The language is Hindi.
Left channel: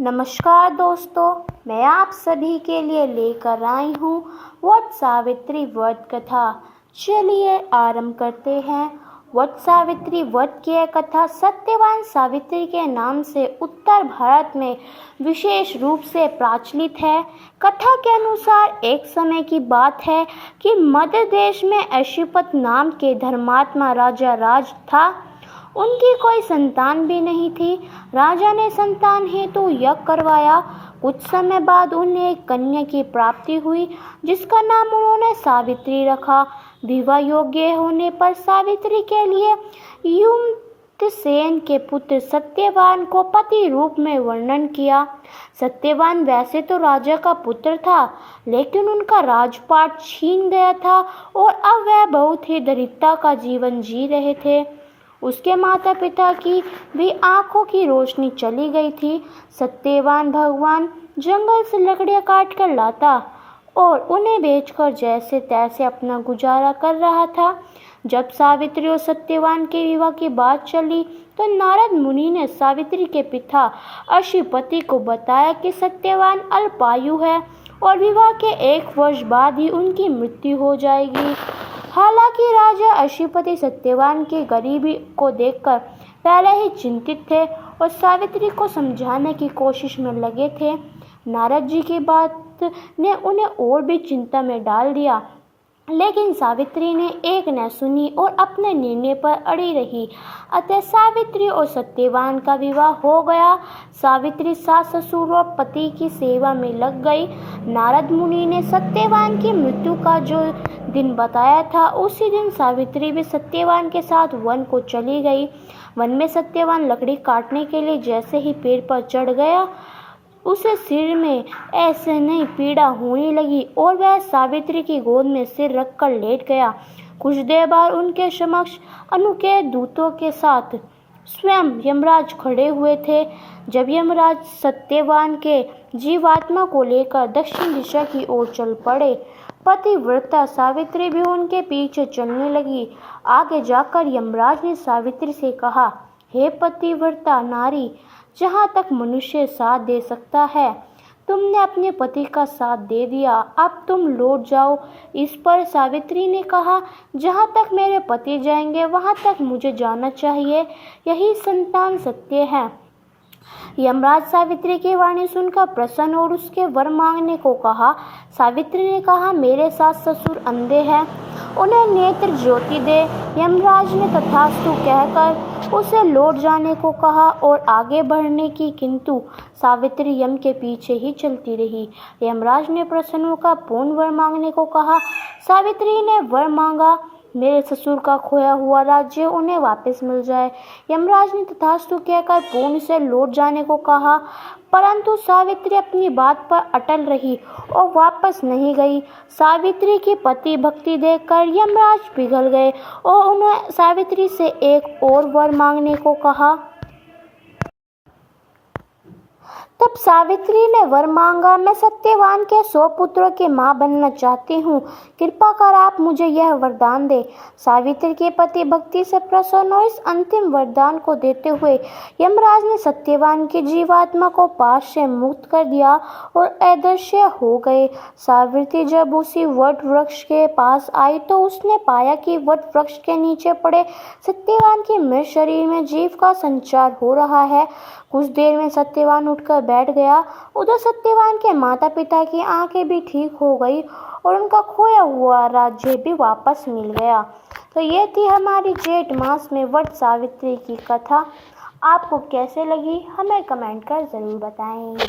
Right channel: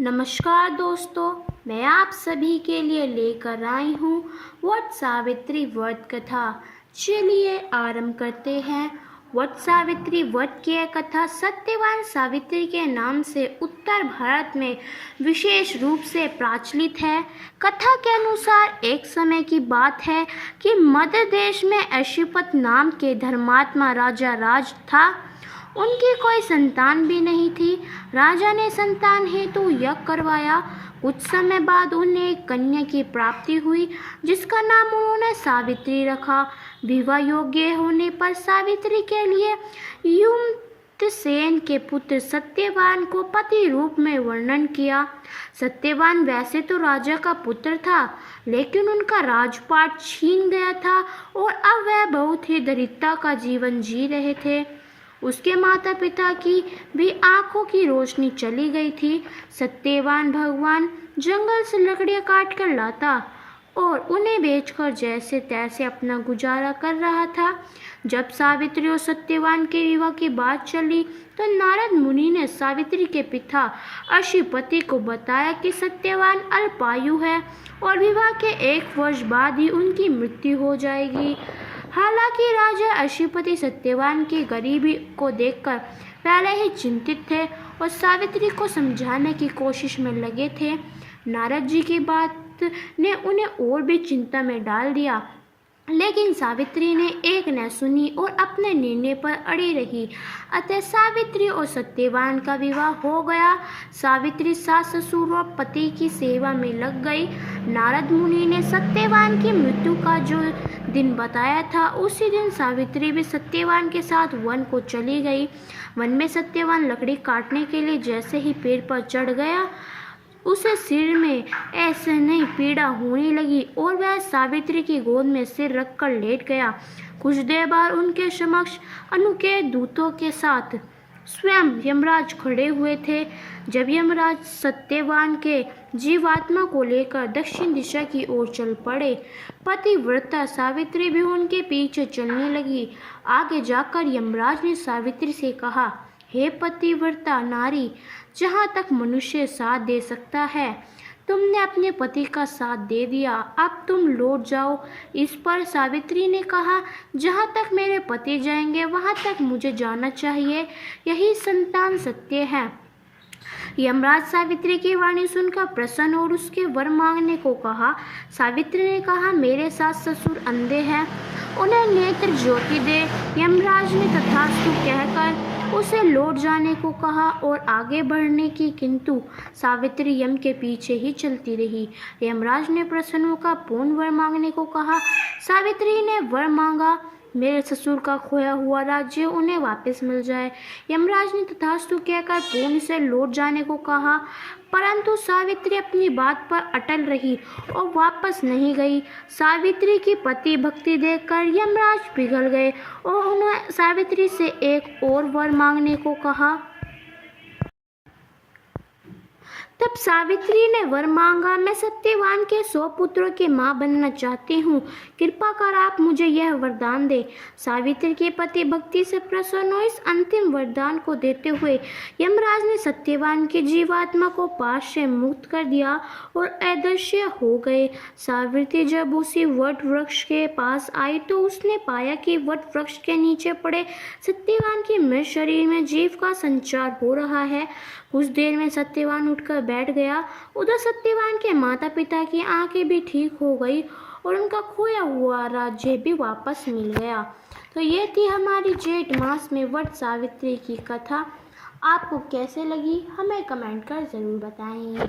नमस्कार दोस्तों, मैं आप सभी के लिए लेकर आई हूँ वट सावित्री व्रत कथा। चलिए आरंभ करते हैं। वट सावित्री व्रत की यह कथा सत्यवान सावित्री के नाम से उत्तर भारत में विशेष रूप से प्रचलित है। कथा के अनुसार एक समय की बात है कि मध्य देश में अश्वपत नाम के धर्मात्मा राजा राज था। उनकी कोई संतान भी नहीं थी। राजा ने संतान हेतु यज्ञ करवाया। कुछ समय बाद उन्हें एक कन्या की प्राप्ति हुई, जिसका नाम उन्होंने सावित्री रखा। विवाह योग्य होने पर सावित्री के लिए युमतसेन के पुत्र सत्यवान को पति रूप में वर्णन किया। सत्यवान वैसे तो राजा का पुत्र था, लेकिन उनका राजपाट छीन गया था और अब वह बहुत ही दरिद्रता का जीवन जी रहे थे। उसके माता पिता की भी आंखों की रोशनी चली गई थी। सत्यवान भगवान जंगल से लकड़ियां काट कर लाता और उन्हें बेचकर जैसे तैसे अपना गुजारा कर रहा था। जब सावित्री और सत्यवान के विवाह की बात चली तो नारद मुनि ने सावित्री के पिता अश्वपति को बताया कि सत्यवान अल्पायु है और विवाह के 1 वर्ष बाद ही उनकी मृत्यु हो जाएगी। हालांकि राजा अश्वपति सत्यवान की गरीबी को देखकर पहले ही चिंतित थे और सावित्री को समझाने की कोशिश में लगे थे। नारद जी की बात ने उन्हें और भी चिंता में डाल दिया, लेकिन सावित्री ने एक न सुनी और अपने निर्णय पर अड़ी रही। अतः सावित्री और सत्यवान का विवाह हो गया। सावित्री सास ससुर और पति की सेवा में लग गई। नारद मुनि ने सत्यवान की मृत्यु का जो दिन बताया था, उसी दिन सावित्री भी सत्यवान के साथ वन को चली गई। वन में सत्यवान लकड़ी काटने के लिए जैसे ही पेड़ पर चढ़ गया, उसे सिर में ऐसे नहीं पीड़ा होने लगी और वह सावित्री की गोद में सिर रखकर लेट गया। कुछ देर बाद उनके समक्ष अनूठे दूतों के साथ स्वयं यमराज खड़े हुए थे। जब यमराज सत्यवान के जीवात्मा को लेकर दक्षिण दिशा की ओर चल पड़े, पतिव्रता सावित्री भी उनके पीछे चलने लगी। आगे जाकर यमराज ने सावित्री से कहा, हे पतिव्रता नारी, जहाँ तक मनुष्य साथ दे सकता है, तुमने अपने पति का साथ दे दिया, अब तुम लौट जाओ। इस पर सावित्री ने कहा, जहाँ तक मेरे पति जाएंगे वहाँ तक मुझे जाना चाहिए, यही संतान सत्य है। यमराज सावित्री की वाणी सुनकर प्रसन्न और उसके वर मांगने को कहा। सावित्री ने कहा, मेरे सास ससुर अंधे हैं, उन्हें नेत्र ज्योति दे। यमराज ने तथास्तु कहकर उसे लौट जाने को कहा और आगे बढ़ने की, किंतु सावित्री यम के पीछे ही चलती रही। यमराज ने प्रसन्न होकर पूर्ण वर मांगने को कहा। सावित्री ने वर मांगा, मेरे ससुर का खोया हुआ राज्य उन्हें वापस मिल जाए। यमराज ने तथास्तु कहकर पूर्ण से लौट जाने को कहा, परंतु सावित्री अपनी बात पर अटल रही और वापस नहीं गई। सावित्री की पति भक्ति देखकर यमराज पिघल गए और उन्हें सावित्री से एक और वर मांगने को कहा। तब सावित्री ने वर मांगा, मैं सत्यवान के 100 पुत्रों की मां बनना चाहती हूँ, कृपा कर आप मुझे यह वरदान दे। सावित्री के पति भक्ति से प्रसन्न हो इस अंतिम वरदान को देते हुए यमराज ने सत्यवान की जीवात्मा को पाश से मुक्त कर दिया और अदृश्य हो गए। सावित्री जब उसी वट वृक्ष के पास आई तो उसने पाया कि वट वृक्ष के नीचे पड़े सत्यवान के मृत शरीर में जीव का संचार हो रहा है। कुछ देर में सत्यवान उठकर बैठ गया। उधर सत्यवान के माता पिता की आंखें भी ठीक हो गई और उनका खोया हुआ राज्य भी वापस मिल गया। तो ये थी हमारी जेठ मास में वट सावित्री की कथा। आपको कैसे लगी हमें कमेंट कर ज़रूर बताएं।